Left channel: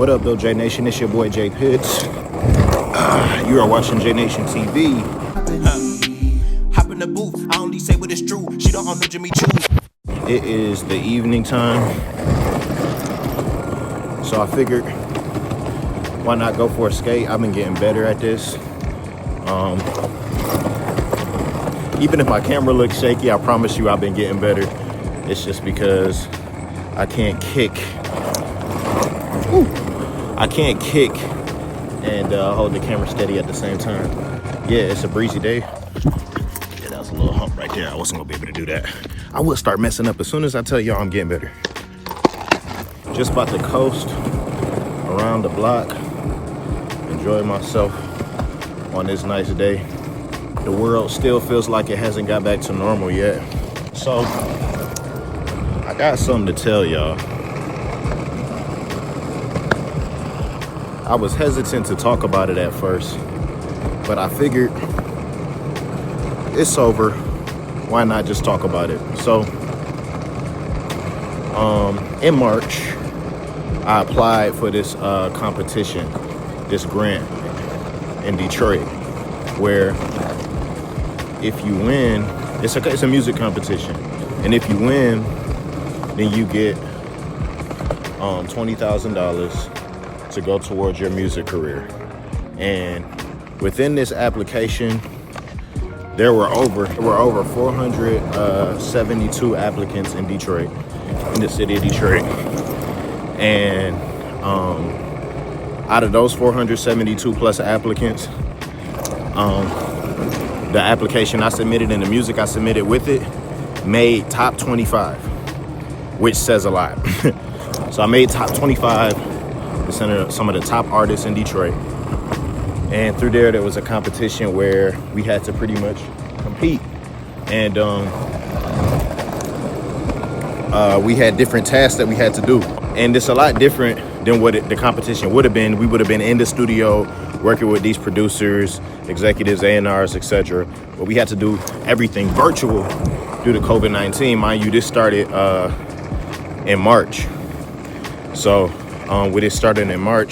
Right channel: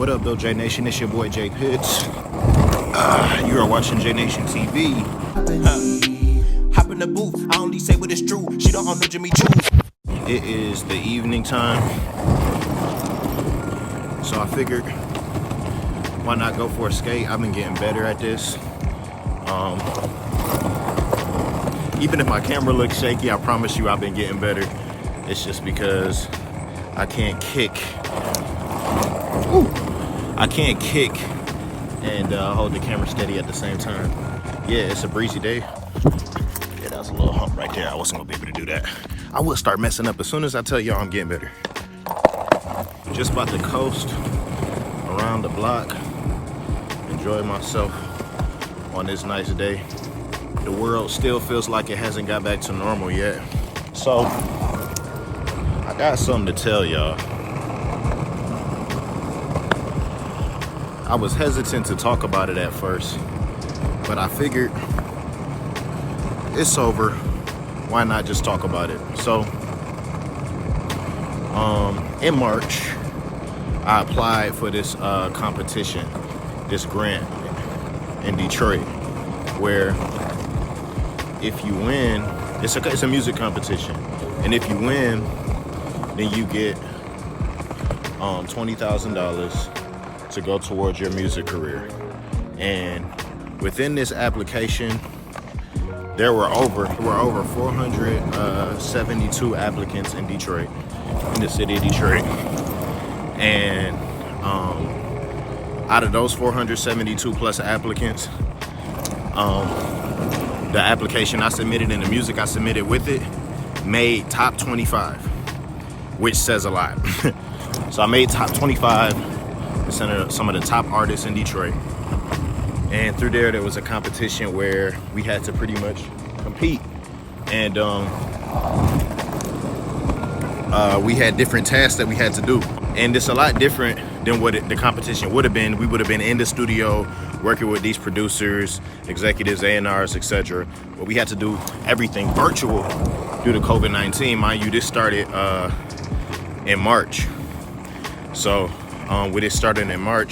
What up, though, J Nation? It's your boy JayPitts. You are watching J Nation TV. Hop in the booth. I only say what is true. She don't know Jimmy Choo. It is the evening time, so I figured why not go for a skate. I've been getting better at this. Even if my camera looks shaky, I promise you I've been getting better. It's just because I can't kick. I can't kick and hold the camera steady at the same time. Yeah, it's a breezy day. Yeah, that was a little hump right there. I wasn't gonna be able to do that. I will start messing up as soon as I tell y'all I'm getting better. Just about to coast around the block, enjoy myself on this nice day. The world still feels like it hasn't got back to normal yet. So, I got something to tell y'all. I was hesitant to talk about it at first, but I figured it's over. Why not just talk about it? So, in March, I applied for this competition, this grant in Detroit, where if you win, it's a music competition, and if you win, then you get $20,000 to go towards your music career. And within this application, there were over 472 applicants in Detroit, in the city of Detroit. And out of those 472 plus applicants, the application I submitted and the music I submitted with it made top 25, which says a lot. So I made top 25, some of the top artists in Detroit. And through there was a competition where we had to pretty much compete. And we had different tasks that we had to do. And it's a lot different than what the competition would have been. We would have been in the studio working with these producers, executives, A&Rs, etc. But we had to do everything virtual due to COVID-19. Mind you, this started in March. So with it starting in March,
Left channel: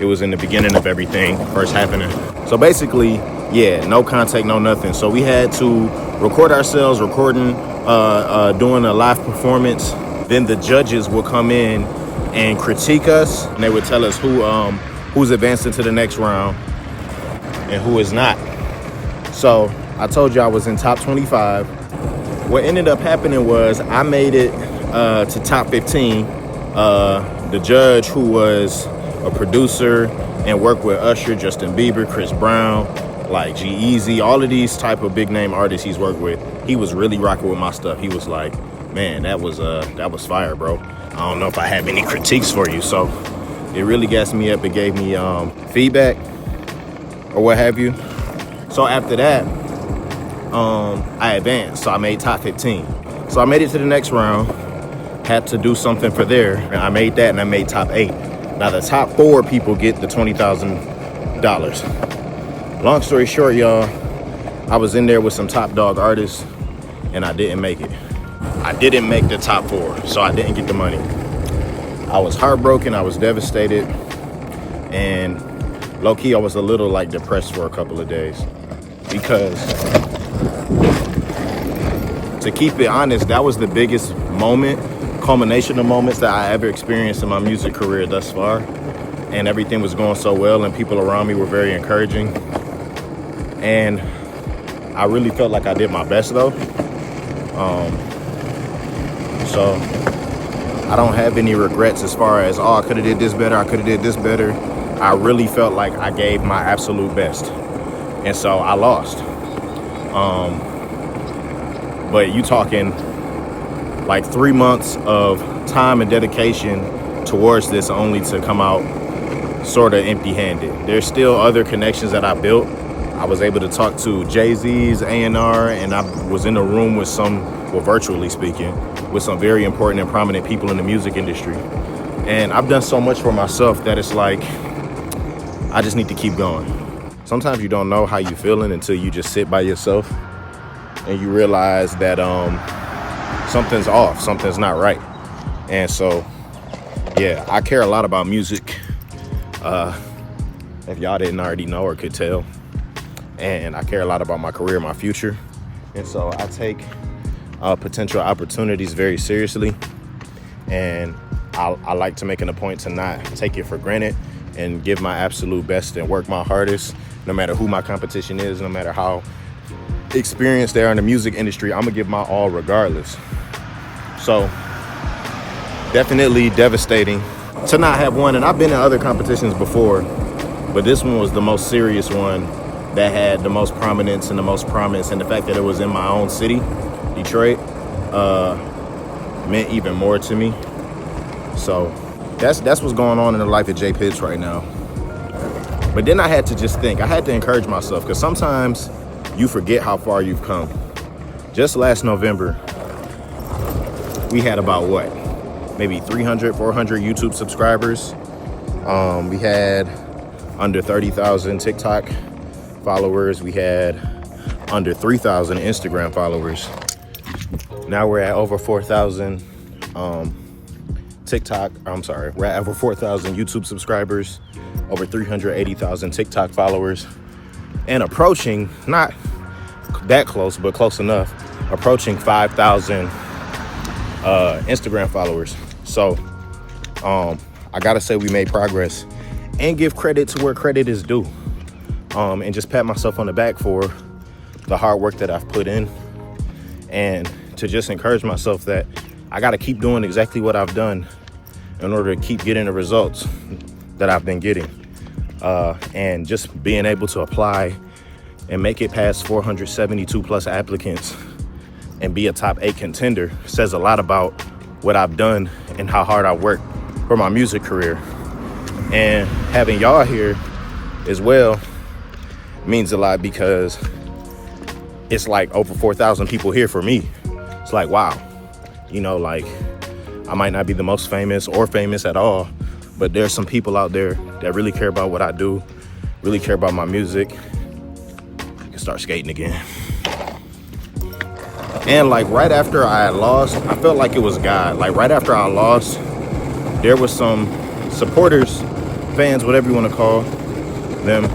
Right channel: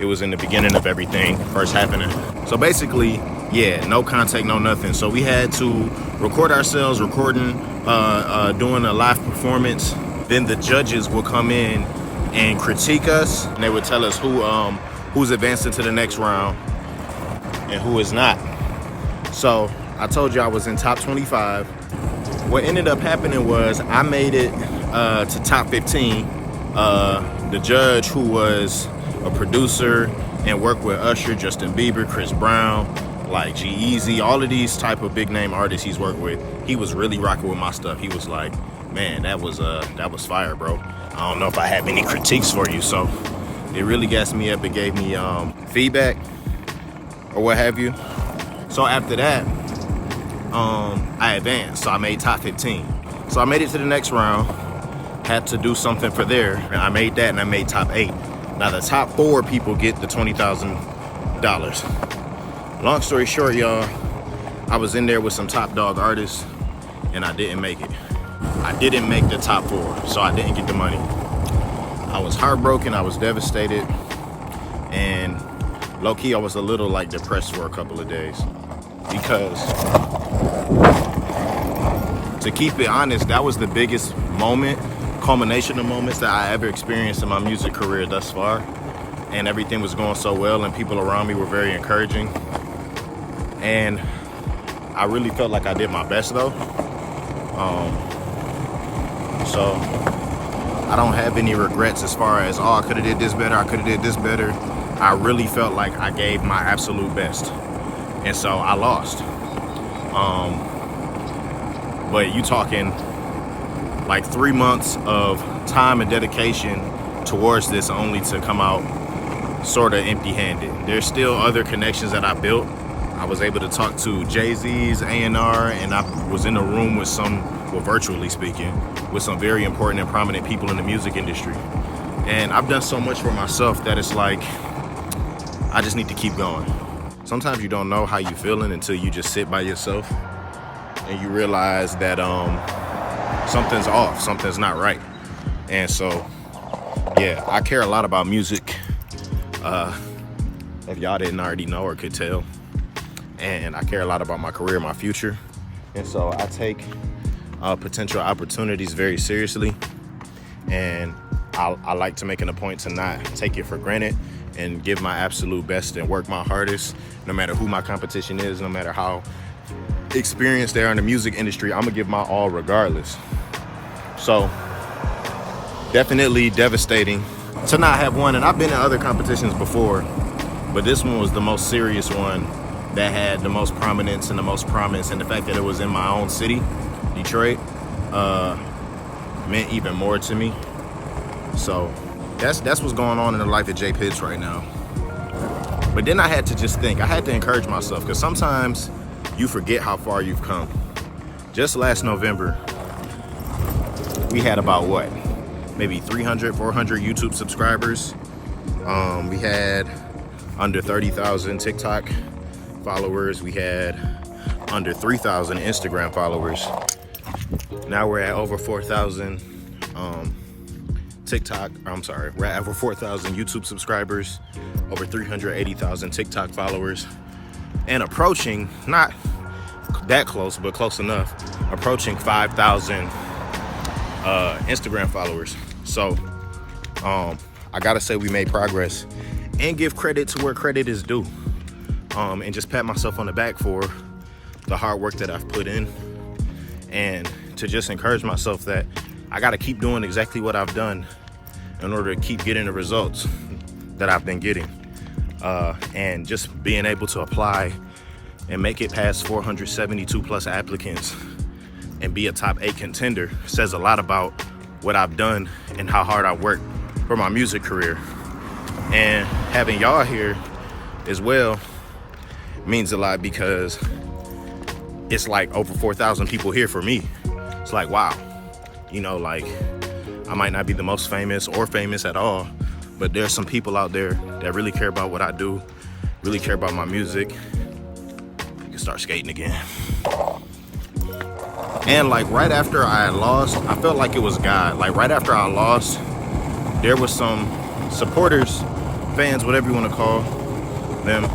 it was in the beginning of everything first happening. So basically, yeah, no contact, no nothing. So we had to record ourselves, doing a live performance. Then the judges would come in and critique us. And they would tell us who's advancing to the next round and who is not. So I told you I was in top 25. What ended up happening was I made it to top 15. The judge, who was a producer and worked with Usher, Justin Bieber, Chris Brown, like G-Eazy, all of these type of big name artists he's worked with, he was really rocking with my stuff. He was like, man, that was fire, bro. I don't know if I have any critiques for you. So it really gassed me up and gave me feedback or what have you. So after that, I advanced. So I made top 15. So I made it to the next round. Had to do something for there. And I made that and I made top 8. Now the top 4 people get the $20,000. Long story short, y'all, I was in there with some top dog artists and I didn't make it. I didn't make the top 4, so I didn't get the money. I was heartbroken, I was devastated, and low-key I was a little like depressed for a couple of days. Because, to keep it honest, that was the biggest culmination of moments that I ever experienced in my music career thus far. And everything was going so well and people around me were very encouraging. And I really felt like I did my best though. So I don't have any regrets as far as, oh, I could have did this better, I could have did this better. I really felt like I gave my absolute best. And so I lost. But you talking like 3 months of time and dedication towards this only to come out sort of empty-handed. There's still other connections that I built. I was able to talk to Jay-Z's A&R, and I was in a room with virtually speaking, with some very important and prominent people in the music industry. And I've done so much for myself that it's like, I just need to keep going. Sometimes you don't know how you're feeling until you just sit by yourself and you realize that something's off, something's not right. And so, yeah, I care a lot about music. If y'all didn't already know or could tell. And I care a lot about my career, my future. And so I take potential opportunities very seriously. And I like to make it a point to not take it for granted and give my absolute best and work my hardest, no matter who my competition is, no matter how experienced they are in the music industry. I'm gonna give my all regardless. So definitely devastating to not have won. And I've been in other competitions before, but this one was the most serious one that had the most prominence and the most promise. And the fact that it was in my own city, Detroit, meant even more to me. So that's what's going on in the life of JayPitts right now. But then I had to just think, I had to encourage myself, because sometimes you forget how far you've come. Just last November, we had about what? Maybe 300, 400 YouTube subscribers. We had under 30,000 TikTok followers. We had under 3,000 Instagram followers. Now we're at over 4,000 we're at over 4,000 YouTube subscribers, over 380,000 TikTok followers, and approaching, not that close, but close enough, approaching 5,000 Instagram followers. So I gotta say we made progress and give credit to where credit is due, and just pat myself on the back for the hard work that I've put in, and to just encourage myself that I gotta keep doing exactly what I've done in order to keep getting the results that I've been getting, and just being able to apply and make it past 472 plus applicants and be a top 8 contender says a lot about what I've done and how hard I worked for my music career. And having y'all here as well means a lot, because it's like over 4,000 people here for me. It's like, wow, you know, like I might not be the most famous or famous at all, but there's some people out there that really care about what I do, really care about my music. I can start skating again. And like right after I had lost, I felt like it was God. Like right after I lost, there was some supporters, fans, whatever you want to call them,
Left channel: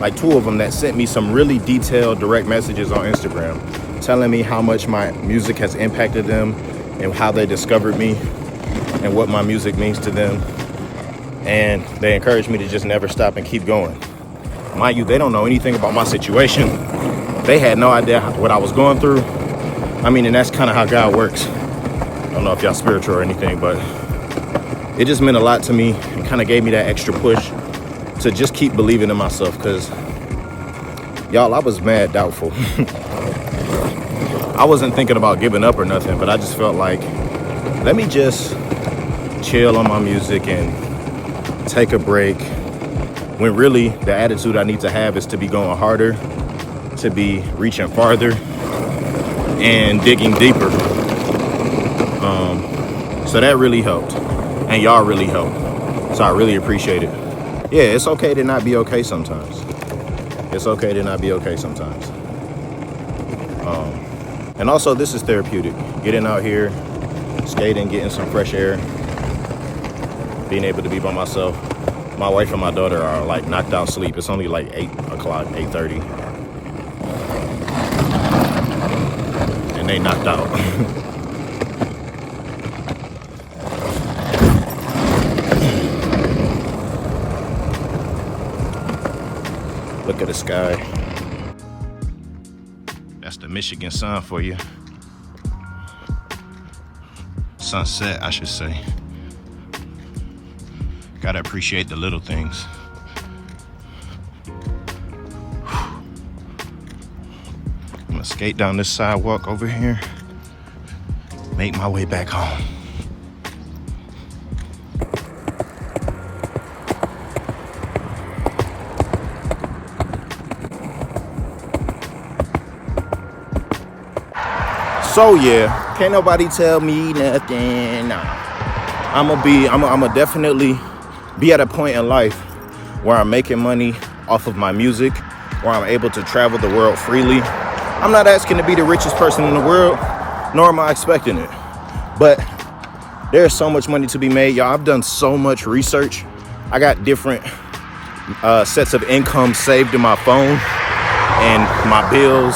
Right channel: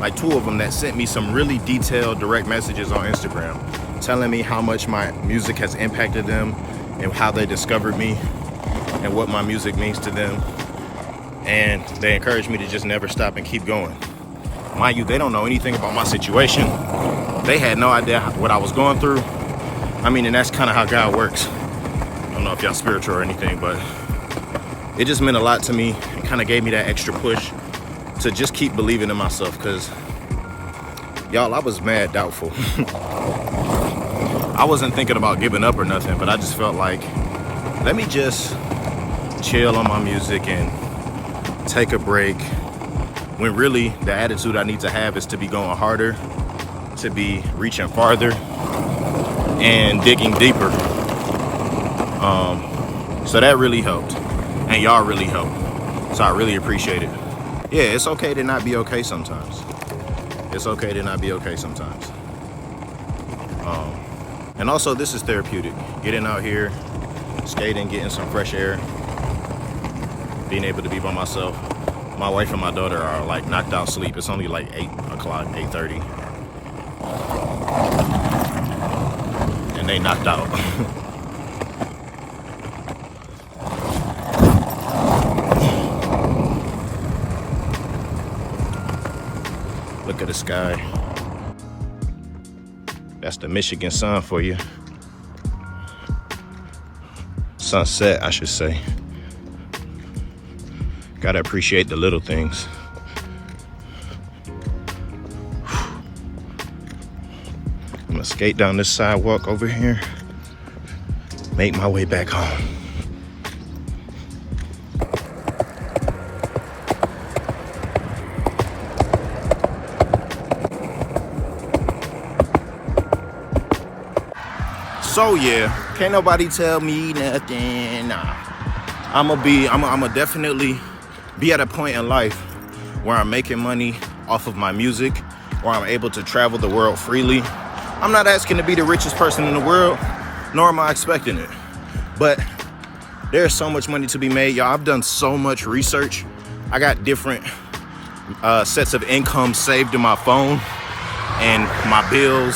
like 2 of them that sent me some really detailed direct messages on Instagram telling me how much my music has impacted them and how they discovered me and what my music means to them. And they encouraged me to just never stop and keep going. Mind you, they don't know anything about my situation. They had no idea what I was going through. I mean, and that's kind of how God works. I don't know if y'all spiritual or anything, but it just meant a lot to me. It kind of gave me that extra push to just keep believing in myself, because y'all, I was mad doubtful. I wasn't thinking about giving up or nothing, but I just felt like, let me just chill on my music and take a break, when really the attitude I need to have is to be going harder, to be reaching farther and digging deeper. So that really helped, and y'all really helped. So I really appreciate it. Yeah, it's okay to not be okay sometimes. It's okay to not be okay sometimes. And also, this is therapeutic. Getting out here, skating, getting some fresh air, being able to be by myself. My wife and my daughter are like knocked out sleep. It's only like 8 o'clock, 8:30. And they knocked out. Look at the sky. That's the Michigan sun for you. Sunset, I should say. Gotta appreciate the little things. I'm gonna skate down this sidewalk over here, make my way back home. So yeah, can't nobody tell me nothing. Nah. I'ma definitely be at a point in life where I'm making money off of my music, where I'm able to travel the world freely. I'm not asking to be the richest person in the world, nor am I expecting it. But There's so much money to be made, y'all. I've done so much research. I got different sets of income saved in my phone, and my bills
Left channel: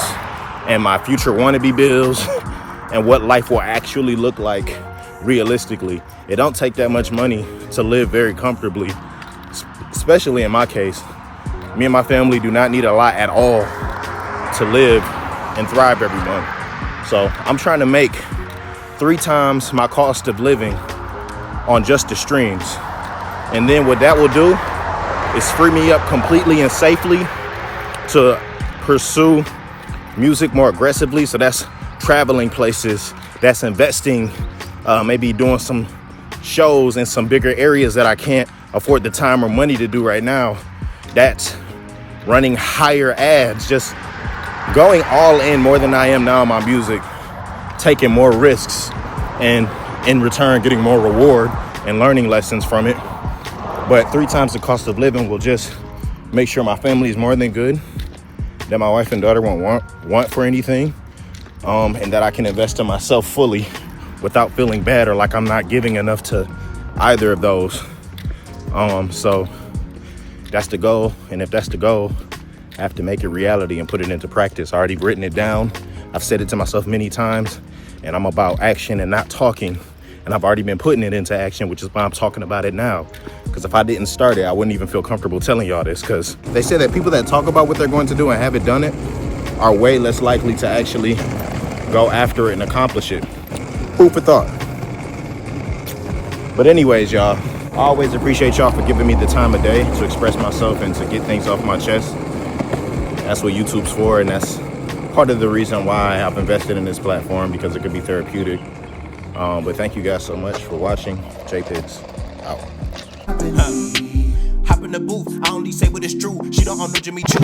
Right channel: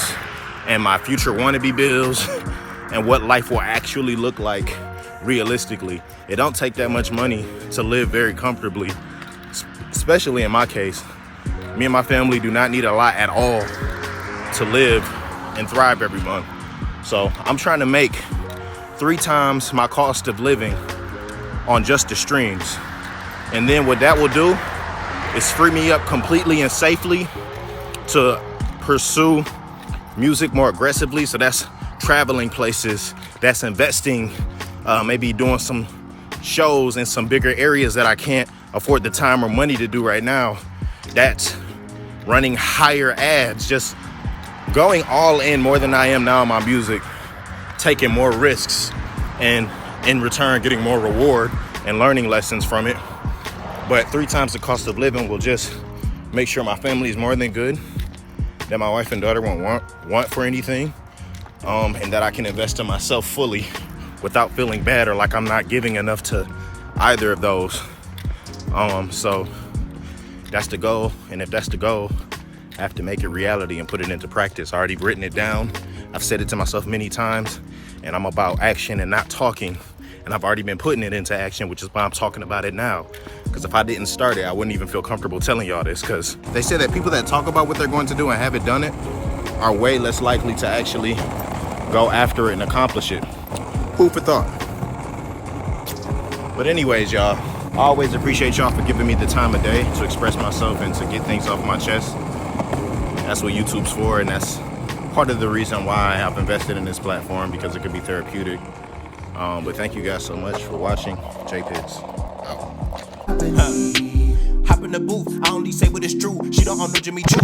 and my future wannabe bills and what life will actually look like realistically. It don't take that much money to live very comfortably, especially in my case. Me and my family do not need a lot at all to live and thrive every month. So I'm trying to make 3 times my cost of living on just the streams. And then what that will do is free me up completely and safely to pursue music more aggressively. So that's traveling places, that's investing, maybe doing some shows in some bigger areas that I can't afford the time or money to do right now. That's running higher ads, just going all in more than I am now in my music, taking more risks, and in return getting more reward and learning lessons from it. But 3 times the cost of living will just make sure my family is more than good, that my wife and daughter won't want for anything, and that I can invest in myself fully without feeling bad or like I'm not giving enough to either of those. So that's the goal. And if that's the goal, I have to make it reality and put it into practice. I already written it down. I've said it to myself many times, and I'm about action and not talking. And I've already been putting it into action, which is why I'm talking about it now. Because if I didn't start it, I wouldn't even feel comfortable telling y'all this, because they say that people that talk about what they're going to do and haven't done it are way less likely to actually go after it and accomplish it. Food for thought. But anyways, y'all, I always appreciate y'all for giving me the time of day to express myself and to get things off my chest. That's what YouTube's for, and that's part of the reason why I've invested in this platform, because it could be therapeutic. But thank you guys so much for watching. JayPitts out. Hop in the booth, I only say what is true. She don't know Jimmy Choo.